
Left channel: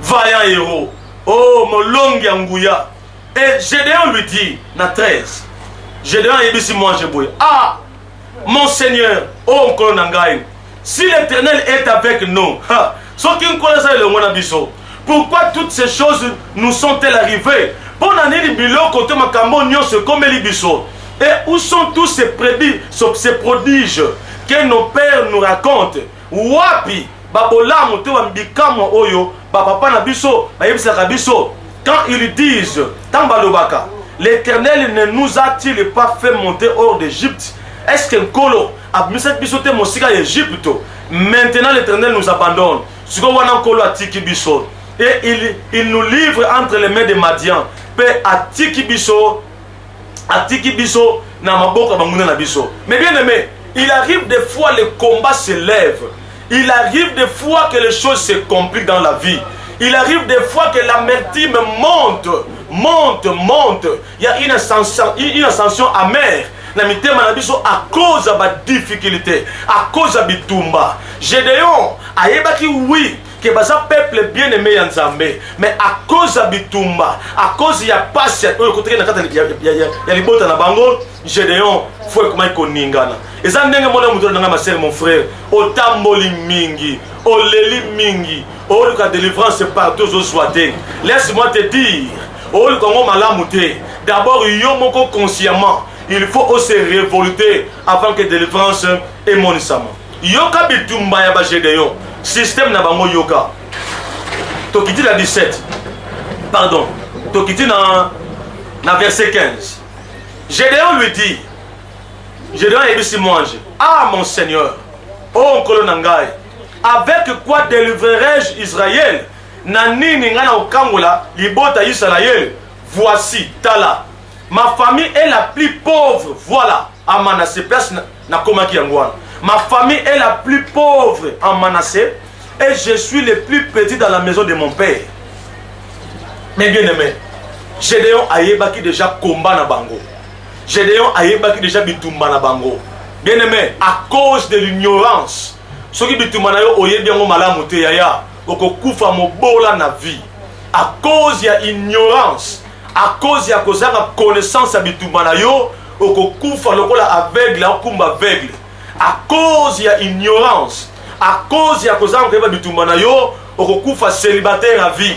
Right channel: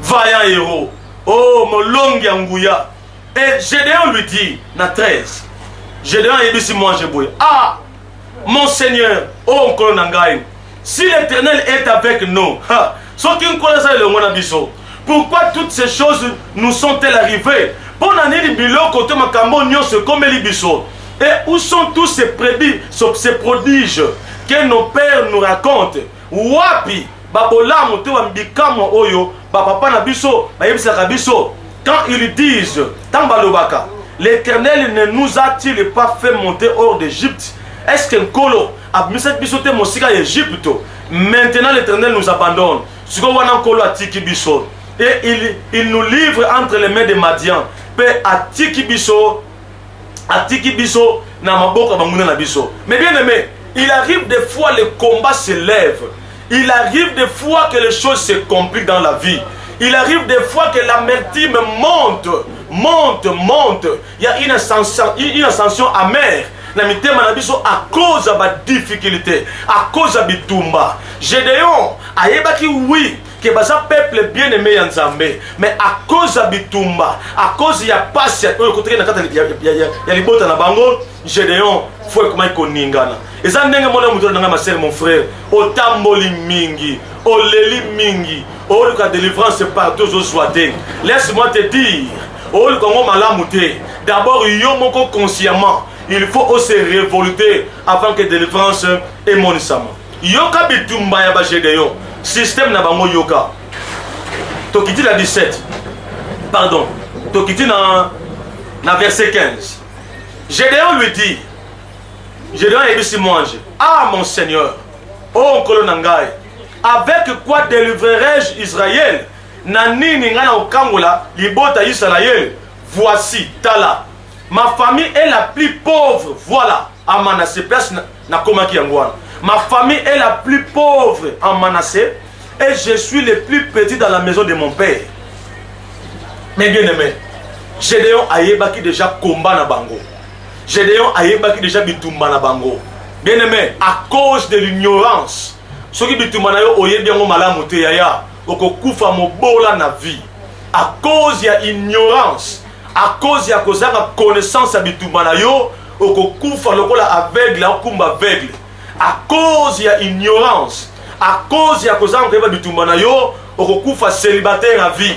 Vaillant héros. Oh mon long yangouya. Et Gédéon lui dit, na 13, Gédéon a dit si moi je bouille. Ah, mon Seigneur, oh Nkolonangaï, si l'Éternel est avec nous, pourquoi toutes ces choses nous sont-elles arrivées? Et où sont tous ces prodiges que nos pères nous racontent? Wapi, babola moto mbikamo oyo, papa na biso, bayebisa biso. Quand ils disent, Tambalobaka, l'Éternel ne nous a-t-il pas fait monter hors d'Égypte? Est-ce qu'un colo a mis cette bisote mosika Égypte? Maintenant l'Éternel nous abandonne. Et il nous livre entre les mains des Madians. Mais bien aimé, il arrive des fois les combats se lèvent. Il arrive des fois que les choses se compliquent dans la vie. Il arrive des fois que l'amertume monte. Il y a une ascension amère. À cause de la difficulté, à cause de bitumba. Gédéon, ayebaki oui, que baza peuple bien aimé Nzambe, mais à cause de bitumba, à cause ya passe, ya libota na bango, Gédéon, faut comment il koningana. Et ça n'engue mon frère, mon frère, otamboli mingi, oleli mingi. Oh, la délivrance partout où soit. Laisse-moi te dire, oh, le Congo malamouté. D'abord, yomoko consciemment, il faut se révolter avant que délivrance et mon isama. Yoka bitumba ya ba Gédéon, système na bango yoka. Tokiti la 17. Pardon. Tokiti na verset 15. Gédéon lui dit, Gédéon est ici mange. Ah mon Seigneur, oh Kolonangai. Avec quoi délivrerai-je Israël? Nanini ngana okangola libota Israël. Voici, tala. Ma famille est la plus pauvre. Voilà. à Manassé, place na komaki yangwana. Ma famille est la plus pauvre en Manassé et je suis le plus petit dans la maison de mon père. Mais bien aimé, Gédéon ayebaki déjà combat na bango. Gédéon ayebaki déjà bitumba na bango. Bien aimé, à cause de l'ignorance, ce qui bitumba na yo oyebi yango malamu te yaya, okokufa mobola na vie. À cause ya ignorance, à cause ya kozanga connaissance ya bitumba na yo, okokufa lokola aveugle akumba aveugle. À cause ya ignorance, à cause ya kozanga keba bitumba na yo, okokufa célibataire à vie.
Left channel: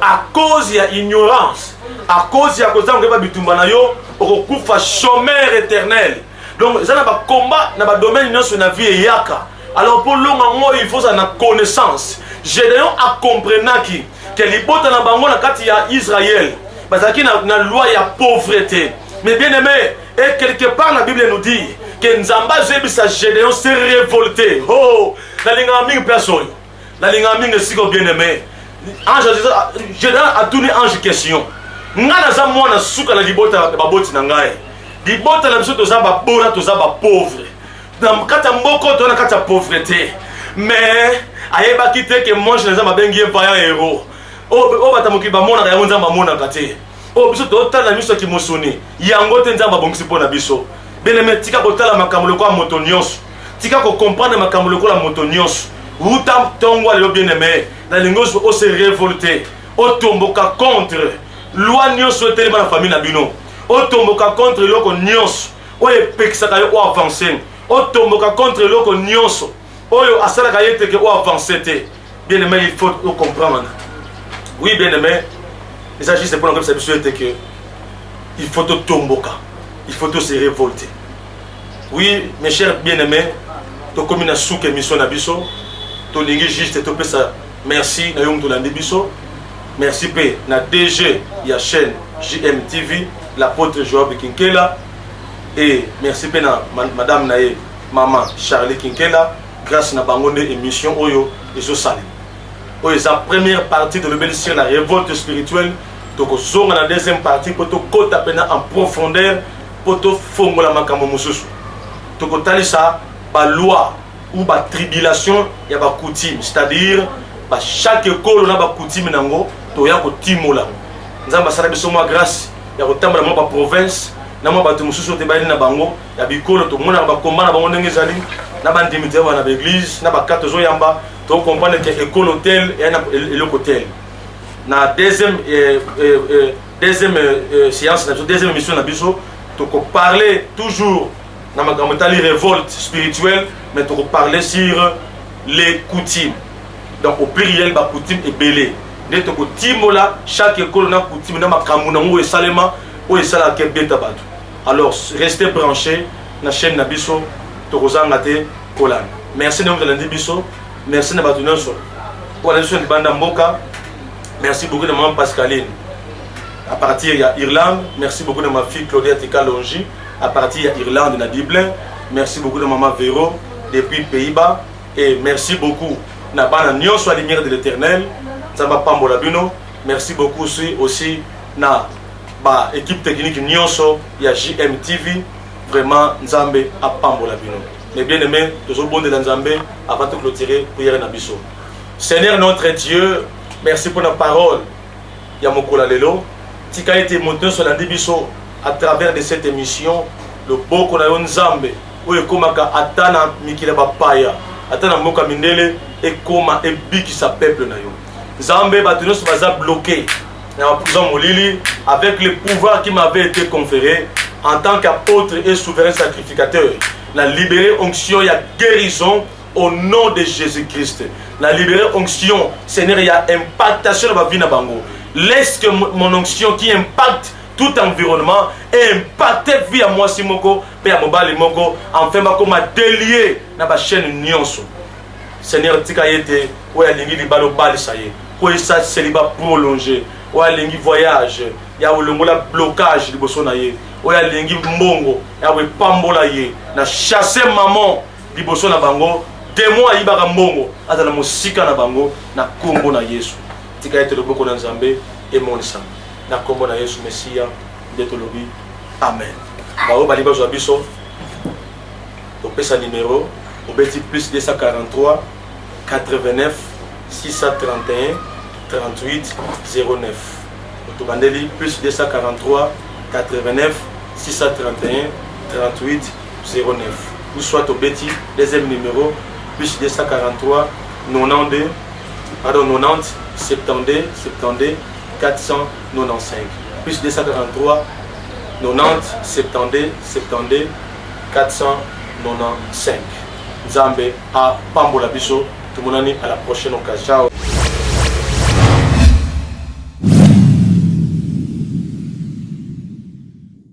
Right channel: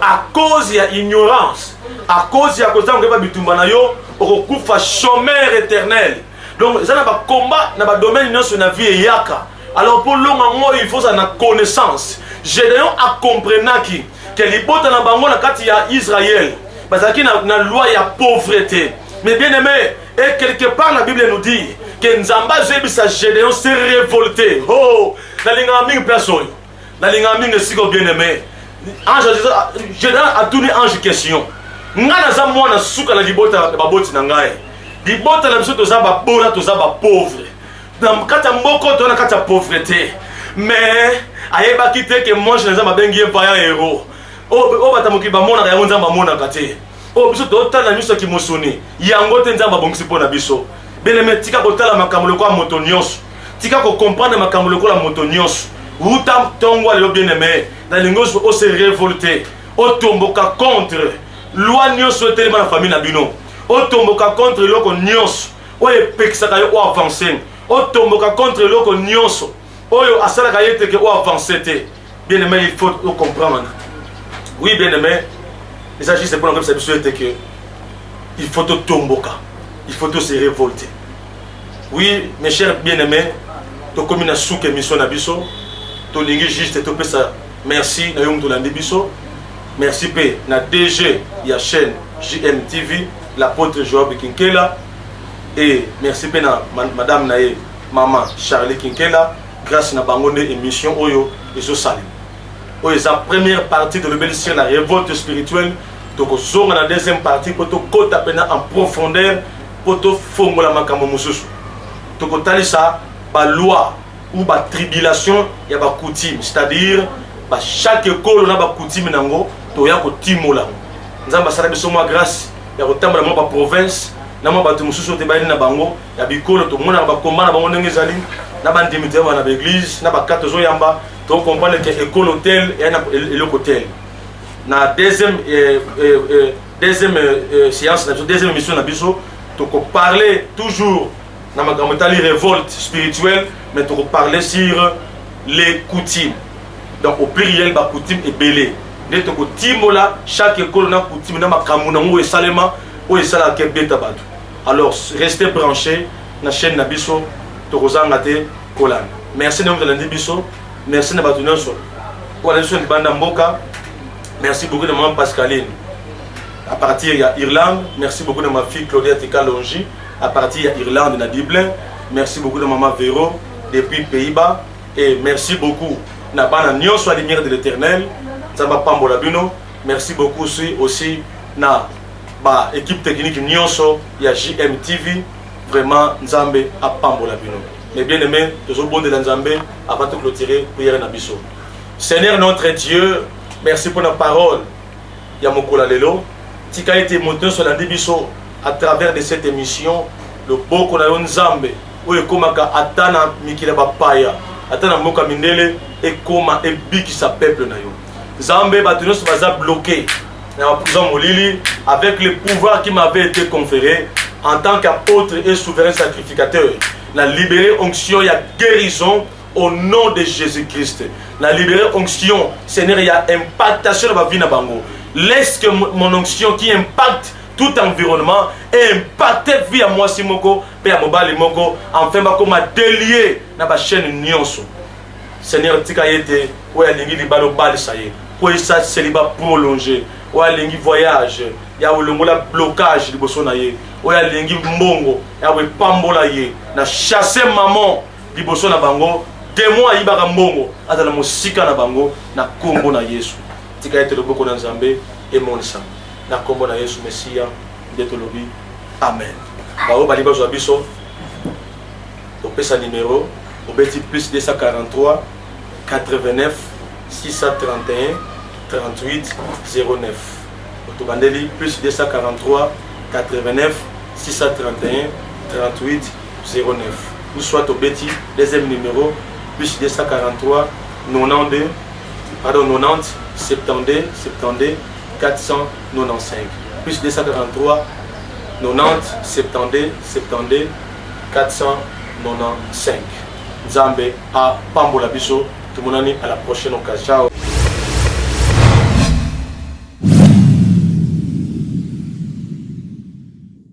À cause ya ignorance, à cause ya kozanga keba bitumba na yo, okokufa chômeur éternel. Donc ça na ba combat na ba domaine nyonso na vie yaka. Alors pour longa moi il faut ça na connaissance. Gédéon a comprenaki que libota na bango na kati ya Israël bazaki na loi ya pauvreté. Mais bien aimé, et quelque part la Bible nous dit que Nzamba Zebisa Gédéon s'est révolté. Oh, na linga mingi place oyo. Na linga mingi siko bien aimé. Ange Gédéon a donné ange question. Nga na za mwana suka na libota ba boti na ngai. Libota na biso toza ba bona toza ba pauvre. Na kata mboko to na kata pauvreté. Mais ayebaki te que moi je nza mabengi vaillant héros. Oh batamoki ba mona ya nzamba mona kate. Oh biso totala miso ki mosoni. Yango te nzamba bongisi pona biso. Beneme tika kotala makambo lokwa moto nyonso. Tika ko comprendre makambo lokwa moto nyonso. Uta tongwa le bien aimé. Na lingos o se révolter. O tomboka contre loi nyonso etelema na famille na bino. O tomboka contre loko nyonso. O epekisaka yo o avancer. O tomboka contre loko nyonso. Oyo asalaka yete ke o avancer te. Bien aimé, il faut comprendre. Oui, bien aimé. Il s'agit de prendre comme ça, que il faut te tomboka, il faut te se révolter. Oui, mes chers bien-aimés, tu as commis une sous-émission na biso, tu as juste te ça. Merci, na yom tolandi biso. Merci pe na DG ya chaîne JMTV, l'apôtre Joab Kinkela, et merci pe na madame nae maman Charlie Kinkela, grâce na bangonde émission oyo ezo sali. Oui, c'est la première partie de l'obéissance, la révolte spirituelle. Donc, on a la deuxième partie pour te côté en profondeur, pour te faire la makambo mususu. Donc, on a ça, la loi ou la tribulation, il y a des coutumes. C'est-à-dire, chaque école, on a des coutumes, il y a des coutumes. Nous avons fait grâce, il y a des province, il y a des mususu qui sont bango, il y a des écoles, tout le monde a des combats, il y a des églises, il y a des églises, il y a des cartes. Donc, on comprend que l'école hôtel et le hôtel. Dans la deuxième séance, la deuxième émission, on parler toujours de la révolte spirituelle, mais on parler sur les coutumes. Donc, au pluriel, les coutumes est belé. Chaque école a une coutume, alors, restez branchés dans la chaîne Nabiso, Torozangate, Kolan. Merci de nous donner biso. Merci de nous donner pour la de Banda Mboka. Merci beaucoup de maman Pascaline. À partir de l'Irlande, merci beaucoup de ma fille Claudia Tika-Longi. À partir de l'Irlande, de Dublin. Merci beaucoup de maman Véro depuis Pays-Bas. Et merci beaucoup de Nyon soit lumière de l'éternel. Zamba Pambola Bino. Merci beaucoup aussi na équipe technique Nyonso, il y a JMTV. Vraiment, Nzambe à Pambola Bino. Mais bien aimé, tous au bon de Nzambe, avant de clôturer, prière Nabiso. Seigneur notre Dieu, merci pour la parole. Yamokola Lelo. Tika été monté sur la Biso à travers de cette émission. Le beau qu'on a eu Nzambe. Où est comme Atana Mikila Bapaya. Atana Moka Mindele et comme et Biki sa peuple na yo. Nzambe Batunos va bloquer. Avec le pouvoir qui m'avait été conféré en tant qu'apôtre et souverain sacrificateur. La libérée onction, il y a guérison au nom de Jésus-Christ. La libérée onction, Seigneur, il y a impactation dans ma vie. Laisse que mon onction qui impacte tout environnement et impacte vie à moi, Simoko, et à Mobali Moko, enfin, comme délier dans ma chaîne Nyonso. Seigneur, tika yete, ouais, lingi li balo bali ça y est. Ouais, ça célibat prolongé. Ouais, lingi voyage. Ya le blocage de Bosonaye. Ouais, lingi mbongo. Ya we pambola ye. Na chasser maman di Bosona bango. Démon ayibaka mbongo. Ata na musika na bango na kombo na Yesu. Tika yete loboko na Nzambe et monisa. Na kombo na Yesu Messia. Detolobi. Amen. Bao baliba zo biso. sa numéro au bêtis plus 243 89 631 38 09. Otobandeli plus 243 89 631 38 09. Ou soit au bêtis deuxième numéro plus 243 90 72 495. Plus 243 90 72 495. Nzambe a Pambola Biso. Tout le monde à la prochaine occasion. Ciao.